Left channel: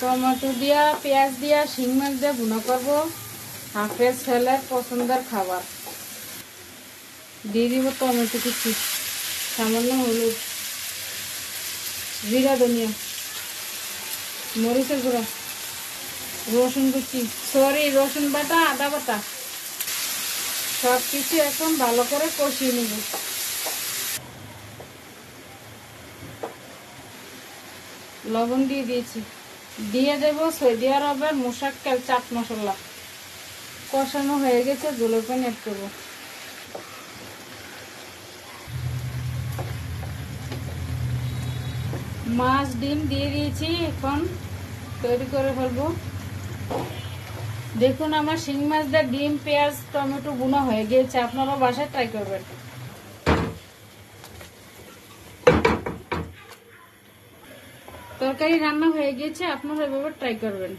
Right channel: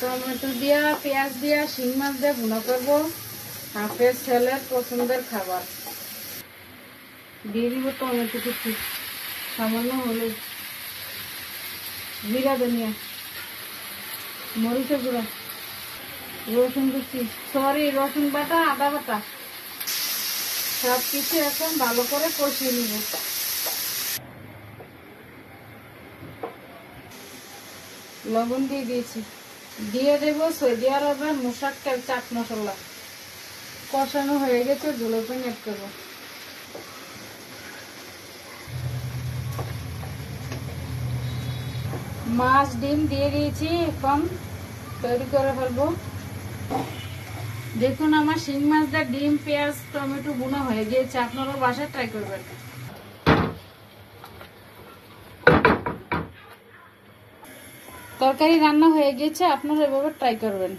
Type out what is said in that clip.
Tomato দিয়া পেঁয়াজ দিয়া শিং মাছ দিয়ে ভুনা করবো। হাফের ছেলের পছন্দের খাবার। দিয়ে দিব টমেটো কুচি, সামান্য হলুদ, জিরা ধনিয়া, মরিচের গুঁড়ো, রসুন কুচি, রসুন বাটা, আদা বাটা, সব কিছু এখন ভালো করে কষিয়ে নেব। লবণ দিয়ে দিয়েছি। দিয়ে দেব সৌদি আরবের মুশাক্কাল চাট মশলা। কষানো হয়ে গেছে, ঝোলের পানি অ্যাড করব। মাছ ডিম দিয়ে দিয়েছি, এখন তৈরি করে ফেলবো। দেখুন আমার শিং মাছ দিয়ে ডিম পেঁয়াজ টমেটো ভুনা হয়ে গিয়েছে। আপনারা বাসায় ট্রাই করবেন। তরকারি রান্না হয়ে গেছে, আপনারা এভাবে ট্রাই করবেন।